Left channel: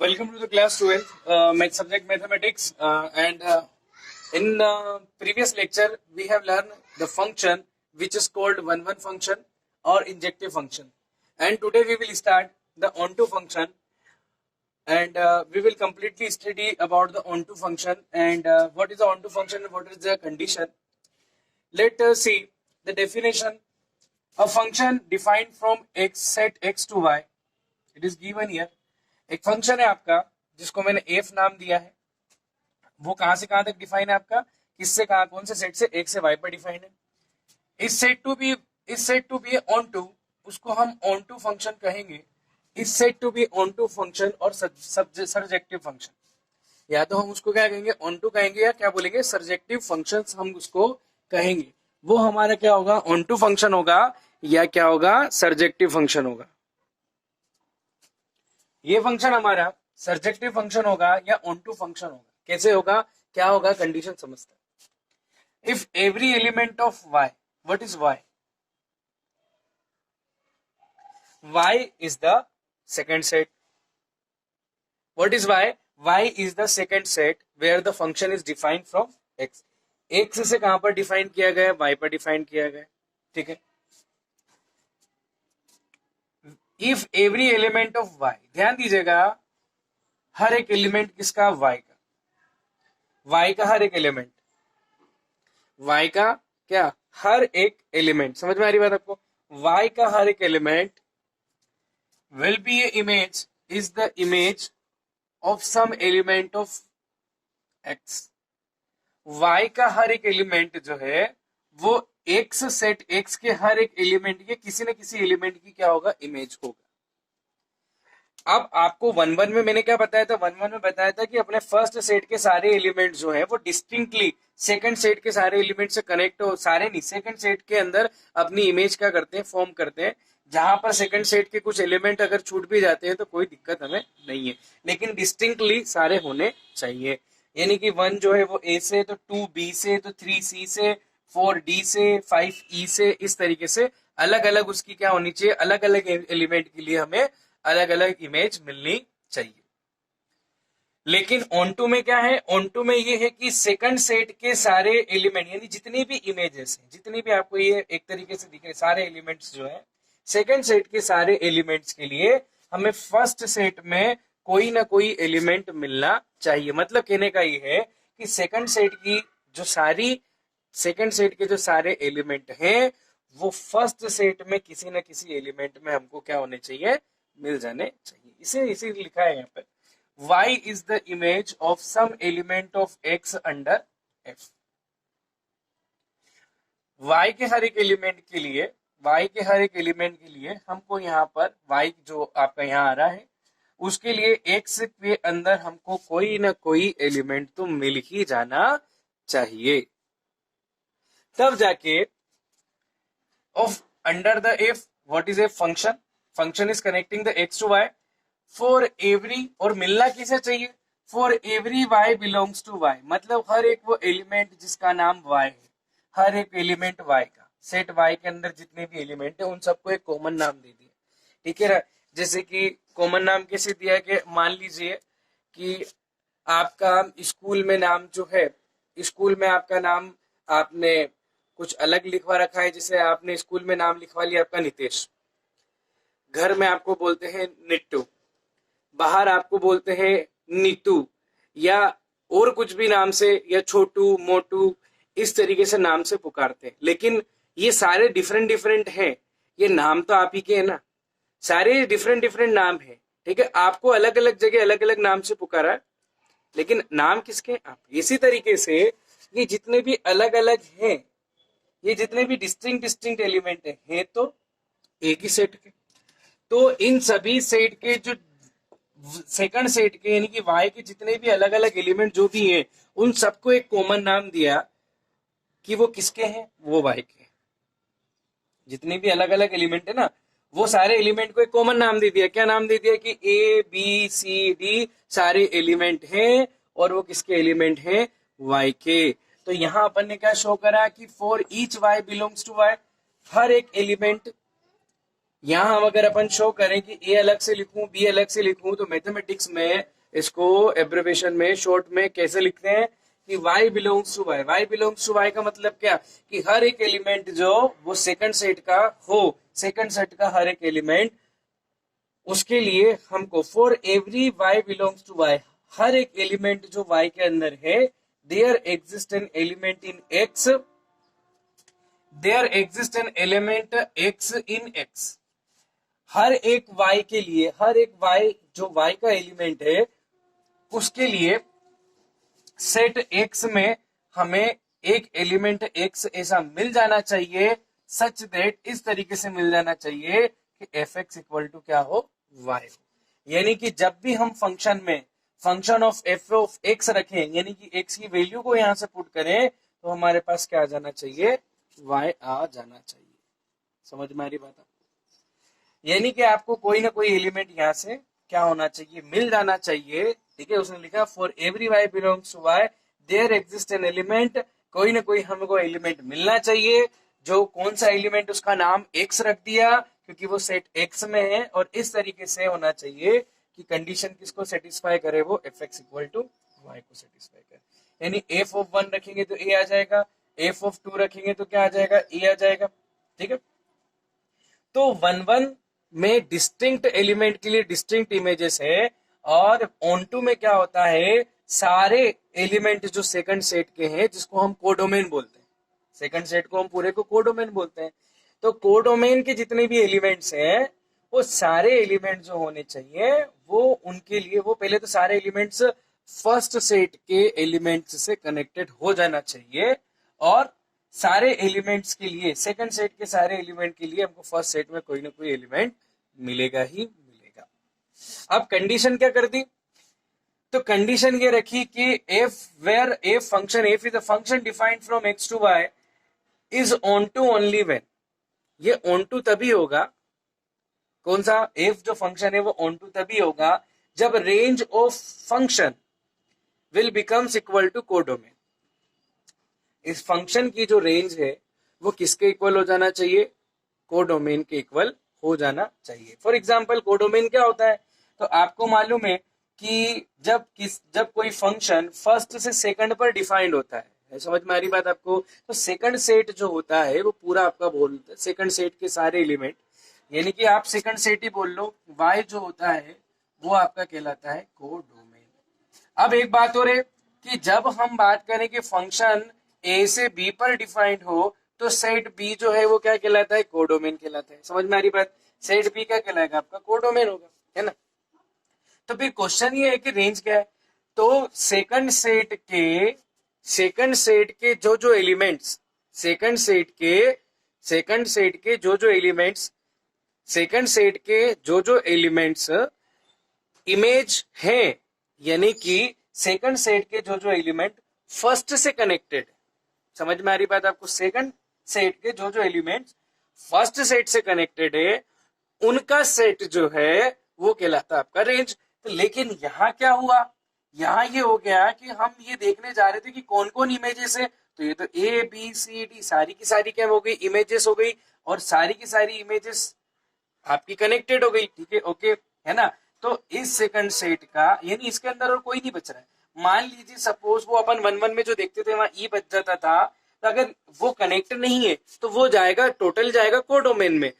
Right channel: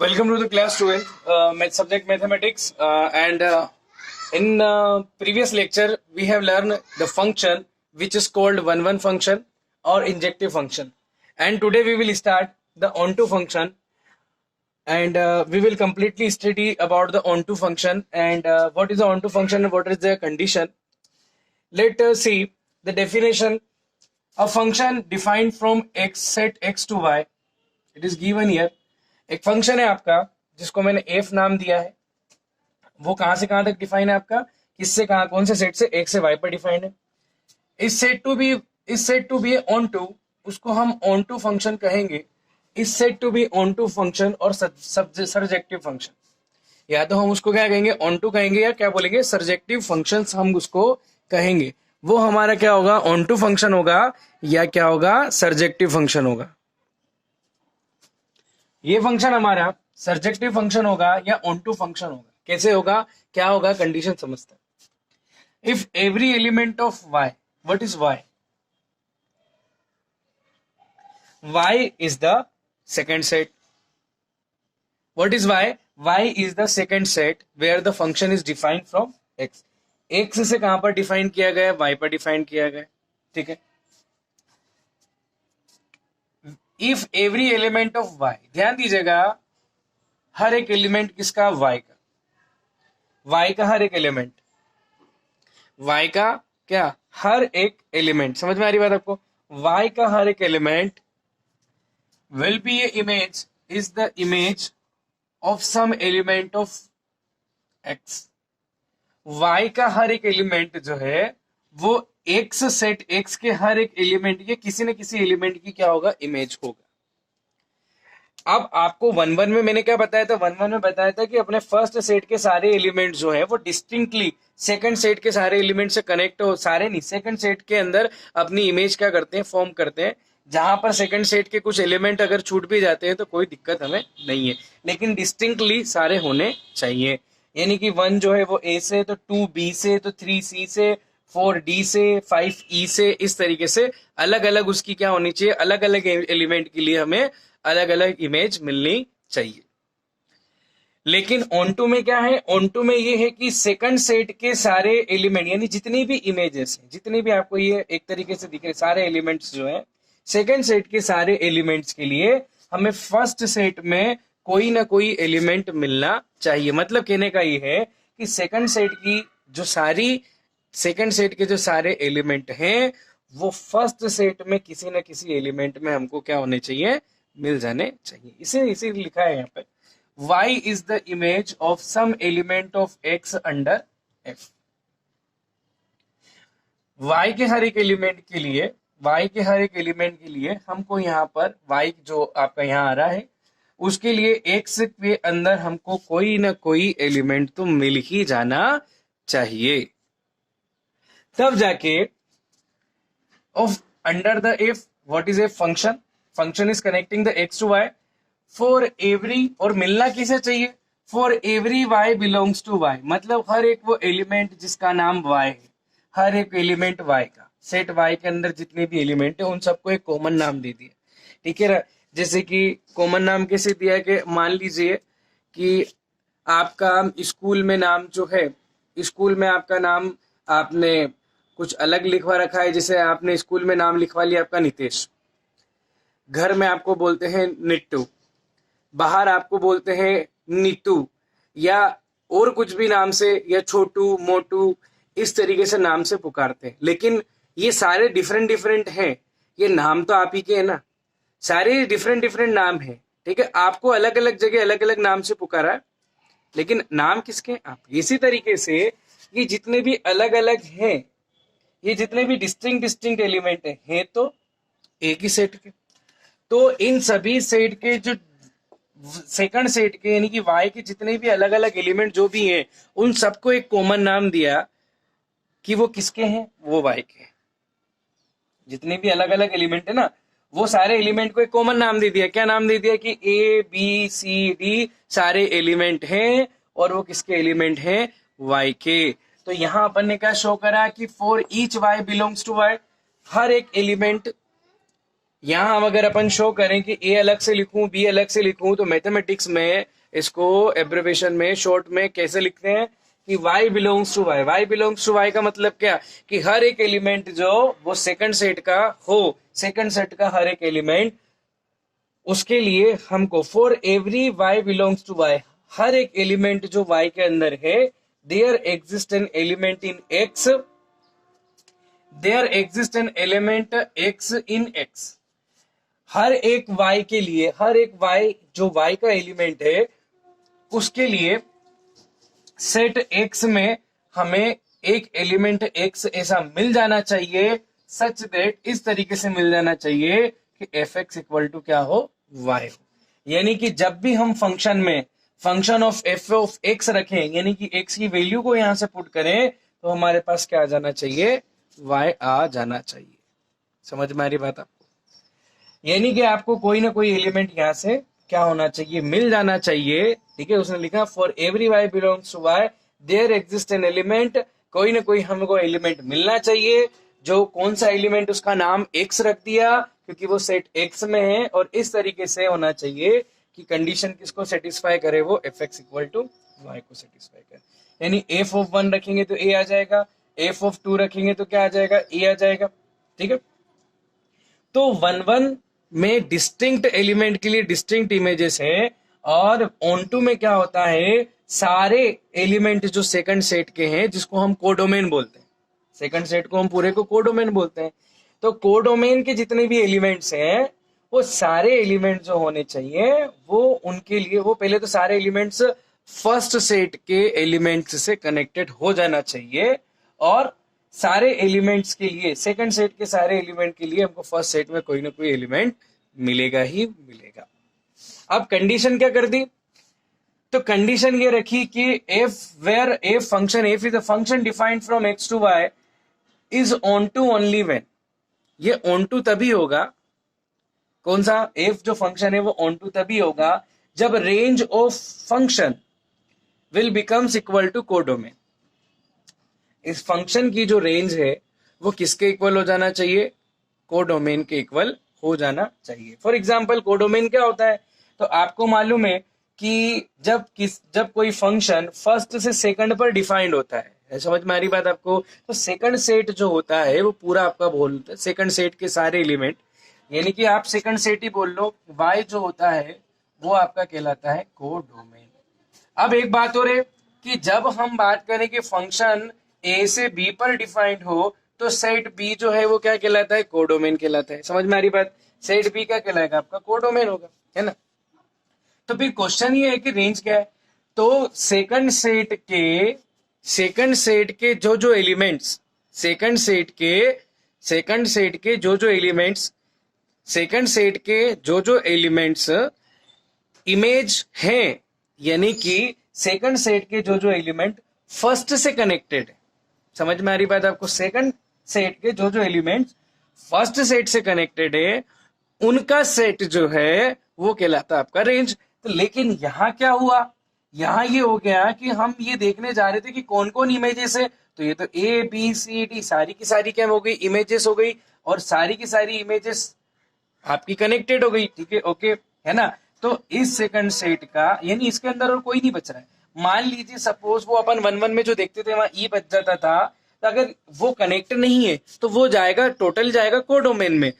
Welcome to the class 12, subject mathematics. And in previous lecture, we have learned the function which is called one function or injective function. And today we will start the onto function, and we will completely study about the onto function and what is the onto function and what is the condition. Let us see the definition. A function defined from x set x to y. It is given here. एक function है आपका जिसको मैंने F नाम दिया है, वो कहां से कहां तक डिफाइन है आपका, किससे कहां, कौन से सेट से, एक से वाई पर डिफाइन है. Is said to be onto, उसको हम ऑन टू फंक्शन कहेंगे. Is said to be onto function और सर्जेक्टिव फंक्शन, या तो हम उसको क्या कहेंगे, ऑन टू कहेंगे, या क्या बोलेंगे, सर्जेक्टिव फंक्शन हम उसको कहेंगे. वो हमारा क्या होगा, ऑन टू फंक्शन होगा या क्या होगा, सर्जेक्टिव फंक्शन होगा. ये फंक्शन हमारा सर्जेक्टिव फंक्शन होगा या ऑनटू फंक्शन होगा. कैसे होगा, क्या होगा, कंडीशन समझते हैं. If every element of y, what is y? y is the second set. What is y? y is the second set where the function is defined from x. x से कहां पर डिफाइन किया गया, y पर define किया गया. ठीक है. If every element of y, ध्यान दीजिएगा, हर एक एलिमेंट किसका, y का. y का हर एक एलिमेंट, y का क्या, हर एक एलिमेंट. समझ में आ रही बात आपको? y का हर एक element will be a image, is the image of some element of x. y का हर एक एलिमेंट जो है वो x सेट x के हर एक एलिमेंट के किसी न किसी एलिमेंट की क्या होगा, इमेज होगा. अब आपको वन में मैंने क्या बताया था, वन में बताया था कि अपने फर्स्ट सेट के सारे एलिमेंट जो है वो डिस्टिंक्टली सेकंड सेट के सारे एलिमेंट से कनेक्ट हो, सारे नहीं, सेकंड सेट के अंदर अपनी इमेज क्या करते हैं, फॉर्म करते हैं. जहां पर सेकंड सेट के कुछ एलिमेंट अगर छूट भी जाते हैं तो कोई दिक्कत हमें नहीं है, लेकिन डिस्टिंक्टली सारे होने चाहिए. यानी कि 1 जो है वो a से, तो 2 b से, तो 3 c से, 4 d से, 5 e से, इस तरीके से अलग अलग उसकी क्या होनी चाहिए, अलग अलग एलिमेंट के लिए हमें अलग अलग इमेज मिलनी चाहिए. लेकिन ऑनटू में क्या है, ऑनटू में ये है कि सेकंड सेट के सारे एलिमेंट, यानी जितनी भी इमेजेस हैं, जितनी भी आपको ये एक तरीके से दिख रहे सारे एलिमेंट्स जो है, सेकंड सेट के सारे एलिमेंट्स के लिए हमें फर्स्ट सेट में कोई ना कोई एलिमेंट मिलना चाहिए. मतलब कहने का ये है कि सेकंड सेट के जो सारे एलिमेंट हैं वो फर्स्ट सेट में किसी न किसी एलिमेंट में हमको क्या होने चाहिए, मिल जाने चाहिए. इसे लिखा है यहाँ पे, y is the image of some element of x under f. y के हर एक एलिमेंट के लिए हमको यहाँ पर y जो आपका यहाँ आ रहा है उसके लिए x के अंदर हमको कोई ना कोई एलिमेंट तो मिल ही जाना चाहिए. तब जाके of under the f, what is a function, function is connecting the x to y for every, और मिलना किसे चाहिए, for every y belongs to y. मतलब हर एक वो एलिमेंट जिसका नाम y है, हर एक एलिमेंट y का, सेट y के अंदर जितने भी एलिमेंट है उन सबको एक कॉमन नाम दे दिया. ठीक है. जैसे कि कॉमन नाम कैसे दिया है कि मान लीजिए कि आपका स्कूल में नाम जो है, स्कूल में आपका नाम आपने कुछ अलग लिखवा रखा है. जैसे आपने स्कूल में नाम लिखवा लिया आपका नितेश, घर में आपको बोलते हैं निट्टू, बाहर आपको बोलते हैं नीतू, या और कुछ भी नाम से, या छोटू, मोटू, इस तरीके से नाम से पुकारते हैं. लेकिन ये सारे डिफरेंट हैं, ये नाम तो आप ही के हैं ना, सारे डिफरेंट नाम हैं. ठीक है. आपको अलग अलग जगह अलग अलग नाम से पुकारा है, लेकिन नाम किसके, आप. इसी तरीके से ये जितने भी अलग अलग हैं, ये जितने भी डिस्टिंक्ट एलिमेंट हैं तो एक ही सेट के. तो इन सभी सेट के जो सेकंड सेट के, यानी कि y के जितने भी अलग अलग एलिमेंट जो भी हैं उन सबको एक कॉमन नाम दिया कि वो किसके हैं, वो y के हैं. जितने भी अलग अलग एलिमेंट है ना, वो सारे एलिमेंट को एक कॉमन नाम दे दिया. क्या नाम दे दिया कि a b c d सारे एलिमेंट हैं और वो किसके एलिमेंट हैं, y के. तो यहां अपन ने क्या शो करा कि for each y belongs to y, हर एक एलिमेंट यहाँ हम अगर अपन शो करें कि ए अलग से लिखूं बी अलग से लिखूं, तो मैथमेटिक्स में इसको एब्रिविएशन में शॉर्ट में कैसे लिखते हैं कि y belongs to y। y belongs to y का मतलब क्या कि हर एक एलिमेंट जो वो सेकंड सेट का हो, सेकंड सेट का हर एक एलिमेंट, उसके लिए हमको for every y belongs to y, हर एक एलिमेंट जो y के अंदर है, there exist an element in x, there exist an element x in x। हर एक y के लिए, हर एक y जो y का एलिमेंट है उसके लिए सेट x में हमें एक एलिमेंट x ऐसा मिल जाना चाहिए, सच दैट, इस तरीके से मिल जाना चाहिए कि एफ एक्स इक्वल टू क्या हो, y हो। यानी कि जब भी हम फंक्शन में function of F of x रखें, यानी कि x की वैल्यू को यहां से पुट करें, तो हमारे पास क्या आ जाना चाहिए, y आ जाना चाहिए। समझ में आ रही बात आपको? यानी कि आपको कोई ना कोई एलिमेंट यहां से क्या होना चाहिए, मिल जाना चाहिए। ठीक है, उसने लिखा for every y belongs to y there exist an element, कोई ना कोई हमको एलिमेंट मिलना चाहिए। जो कौन सा एलिमेंट, उसका नाम x रख दिया क्योंकि वो सेट x में है, और इस तरीके से होना चाहिए कि कंडीशन किसको सेटिस्फाई करे, वो f x equal to y को सेटिस्फाई करे। यानी एफ ऑफ 1 रखेंगे तो a आ जाएगा, एफ ऑफ 2 रखेंगे तो क्या आ जाएगा, a आ जाएगा। ठीक है, तो 1 1 में डिस्टिंक्ट एलिमेंट के लिए डिस्टिंक्ट इमेजेस है, और ऑन टू में क्या होता है, सारे एलिमेंट जो सेकंड सेट के हैं, जिसको हम कोडोमेन बोलते हैं, सेकंड सेट को हम पूरे को कोडोमेन बोलते हैं। तो कोडोमेन के जितने भी एलिमेंट्स हैं, वो सारे एलिमेंट जो होने चाहिए, वो उनके लिए वो पहले तो सारे एलिमेंट्स फर्स्ट सेट के एलिमेंट्स से कनेक्टेड हो जाना चाहिए, और सारे एलिमेंट्स के लिए, सेकंड सेट के सारे एलिमेंट के लिए हमको फर्स्ट सेट में कोई ना कोई एलिमेंट मिलेगा ही मिलेगा। अब कंडीशन क्या कर दी, तो कंडीशन ये रखी कि f where f function, f is a function defined from x to y is onto only when, ये ऑन टू तभी होगा, कौन सा, एफ जो फंक्शन है वो ऑन टू तभी होगा जब range of function will becomes equal to codomain. इस फंक्शन की जो रेंज है वो किसके इक्वल हो जाना चाहिए, कोडोमेन के इक्वल हो जाना चाहिए। फॉर एग्जाम्पल कोडोमेन क्या होता है, तो आपको मालूम है कि जब कोई फंक्शन फर्स्ट से सेकंड पर डिफाइंड होता है, समझ में आ रही बात आपको, तो सेकंड सेट जो होता है वो पूरा आपका बोलता है, सेकंड सेट के सारे एलिमेंट, यानी कि आप सेकंड सेट ही बोल लो, y जो होता है वो आपका कहलाता है कोडोमेन। अब एक बात और है कि जब हम बात करें कि फंक्शन a से b पर डिफाइंड हो, तो सेट b जो है वो क्या कहलाता है, कोडोमेन कहलाता है। समझ में आ रही बात, सेट b क्या कहलाएगा, आपका कोडोमेन होगा, है ना। तो फिर क्वेश्चन ये है कि रेंज क्या है, तो सेकंड सेट के जो जो एलिमेंट्स, सेकंड सेट के जो जो एलिमेंट्स, सेकंड सेट के जो जो एलिमेंट्स इमेज हैं, यानी कि सेकंड सेट के जो जो एलिमेंट फर्स्ट से कनेक्टेड है, समझ में आ रही बात आपको, सेकंड सेट के जो जो एलिमेंट्स फर्स्ट सेट से कनेक्टेड है, उनका सेट जो है वो कहलाता है आपका रेंज। तो लेकिन यहाँ क्या हुआ, यहाँ ये हो गया कि हम ये देखने जा रहे थे कि कौन कौन इमेजेस है, तो ये तो ए बी सी डी सारी की सारी क्या हो गई, इमेजेस हो गई, और सारी की सारी इमेजेस आपकी कनेक्टेड हो गई। ठीक है, ओके, है ना। तो इस सेकंड सेट का, यानी इसके अंदर और कोई नहीं बच रहा है। मान लीजिए सपोज वो अपन 1 1 में जो देखते थे वहां ई बच जाता था, तो अगर वो कनेक्ट नहीं है तो वो जाएगा, टोटल जाएगा कोडोमेन में,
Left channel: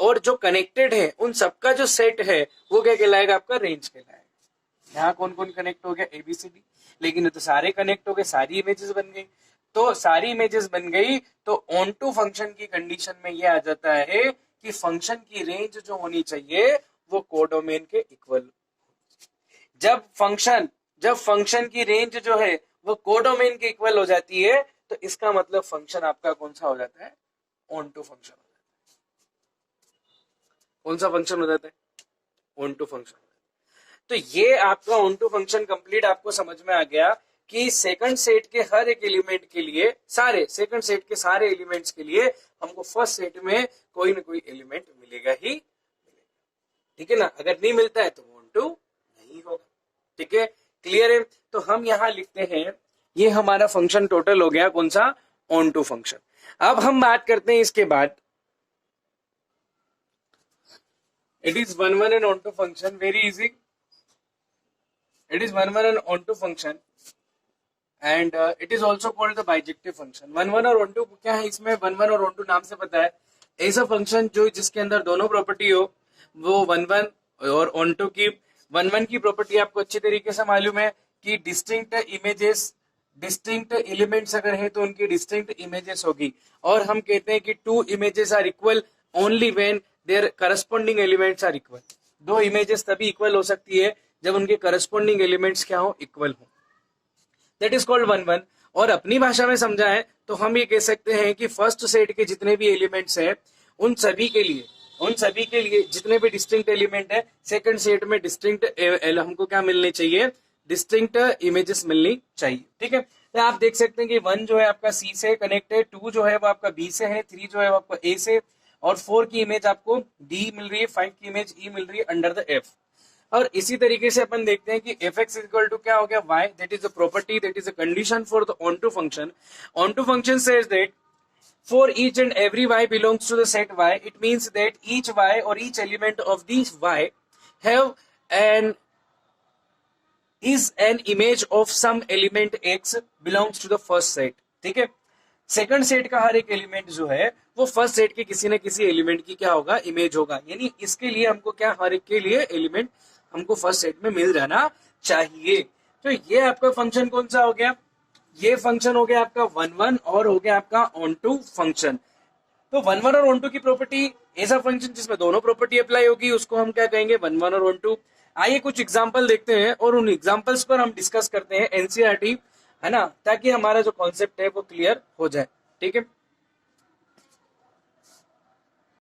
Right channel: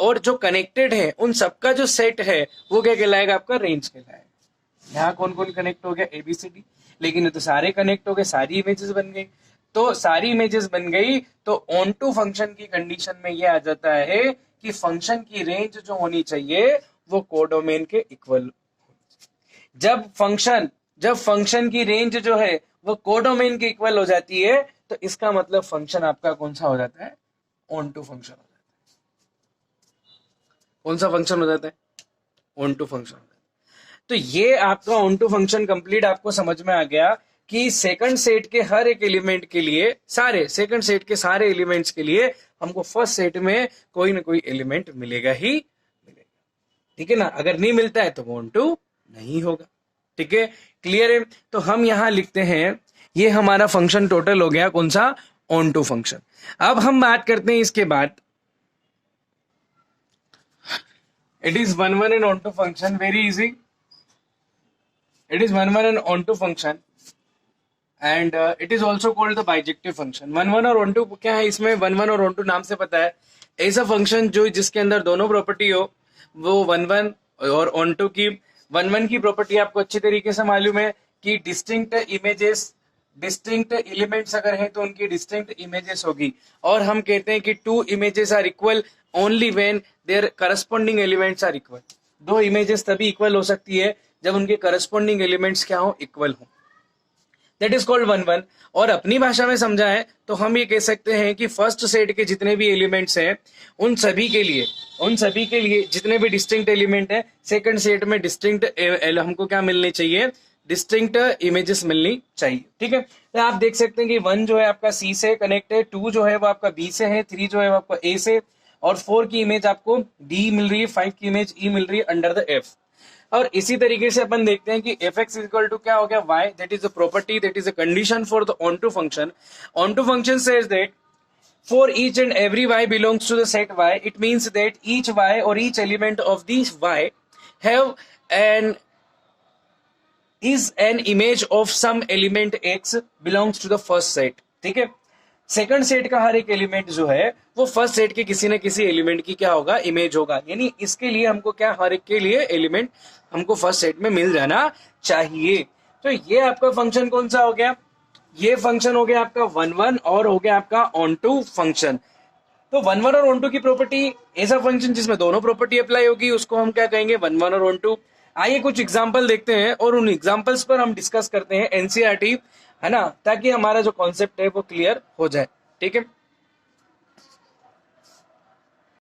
और जो कनेक्टेड है उन सबका जो सेट है वो क्या कहलाएगा, आपका रेंज कहलाएगा। यहाँ कौन कौन कनेक्ट हो गया, एबीसीडी, लेकिन ये तो सारे कनेक्ट हो गए, सारी इमेजेस बन गई। तो सारी इमेजेस बन गई तो ऑन टू फंक्शन की कंडीशन में ये आ जाता है कि फंक्शन की रेंज जो होनी चाहिए वो कोडोमेन के इक्वल। जब फंक्शन की रेंज जो है वो कोडोमेन के इक्वल हो जाती है, तो इसका मतलब फंक्शन आपका कौन सा हो जाता है, ऑन टू फंक्शन हो जाता है। कौन सा फंक्शन हो जाता है, ऑन टू फंक्शन। तो ये आपका ऑन टू फंक्शन कंप्लीट आपको समझ में आ गया कि सेकंड सेट के हर एक एलिमेंट के लिए, सारे सेकंड सेट के सारे एलिमेंट्स के लिए हमको फर्स्ट सेट में कोई ना कोई एलिमेंट मिलेगा ही मिलेगा। ठीक है ना, अगर नहीं मिलता है तो वो ऑन टू नहीं होगा। ठीक है, क्लियर है। तो हम यहां लिखते हैं, ये हमारा फंक्शन टोटल हो गया, कौन सा, ऑन टू फंक्शन। अब हम बात करते हैं इसके बाद, It is one and onto function. Very easy. It is one and onto function. And it is also called the bijective function. One और ऑन टू क्या है इसमें, वन और ऑन टू नाम से पता है, ऐसा फंक्शन जो जिसके अंदर दोनों प्रॉपर्टी हो, वो वन और ऑन टू की. वन की प्रॉपर्टी आपको अच्छी तरीके से मालूम है कि डिस्टिंक्ट इमेजेस, डिस्टिंक्ट एलिमेंट्स अगर है तो उनकी डिस्टिंक्ट इमेजेस होगी. और हम कहते हैं कि two images are equal only when their corresponding elements are equal. दो इमेजेस तभी इक्वल हो सकती है जब उनके करस्पॉन्डिंग एलिमेंट्स क्या हो, इक्वल हो. That is called one. और अपनी भाषा में समझा है तो हम ये कह सकते हैं कि फर्स्ट सेट के जितने भी एलिमेंट्स हैं उन सभी के लिए जितने भी डिस्टिंक्ट एलिमेंट है, सेकंड सेट में डिस्टिंक्ट हमको क्या मिलनी चाहिए, डिस्टिंक्ट इमेजेस मिलनी चाहिए. ठीक है, तो आप देख सकते हैं कि वन जो है आपका सी से कनेक्ट है, टू जो है वो आपका बी से है, थ्री जो है वो आपका ए से, और फोर की इमेज आपको डी मिल रही है, फाइव की इमेज ई मिल रही है अंडर द एफ. और इसी तरीके से अपन देखते हैं कि एफ एक्स इक्वल टू क्या हो गया, y. That is the property, that is a condition for the onto function. Onto function says that for each and every y belongs to the set y. It means that each y or each element of these y have is an image of some element x belongs to the first set. ठीक है, second set का हर एक element जो है वो first set के किसी न किसी एलिमेंट की क्या होगा, इमेज होगा. यानी इसके लिए हमको क्या, हर एक के लिए एलिमेंट हमको फर्स्ट सेट में मिल जाना चाहिए. तो ये आपका फंक्शन कौन सा हो गया, ये फंक्शन हो गया आपका वन और हो गया आपका ऑन टू फंक्शन. तो वन और ऑन टू की प्रॉपर्टी, ऐसा फंक्शन जिसमें दोनों प्रॉपर्टी अप्लाई होगी उसको हम क्या कहेंगे, वन और ऑन टू. आइए कुछ एग्जांपल देखते हैं और उन एग्जांपल्स पर हम डिस्कस करते हैं एनसीईआरटी, है ना, ताकि हमारा जो कॉन्सेप्ट है वो क्लियर हो जाए. ठीक है.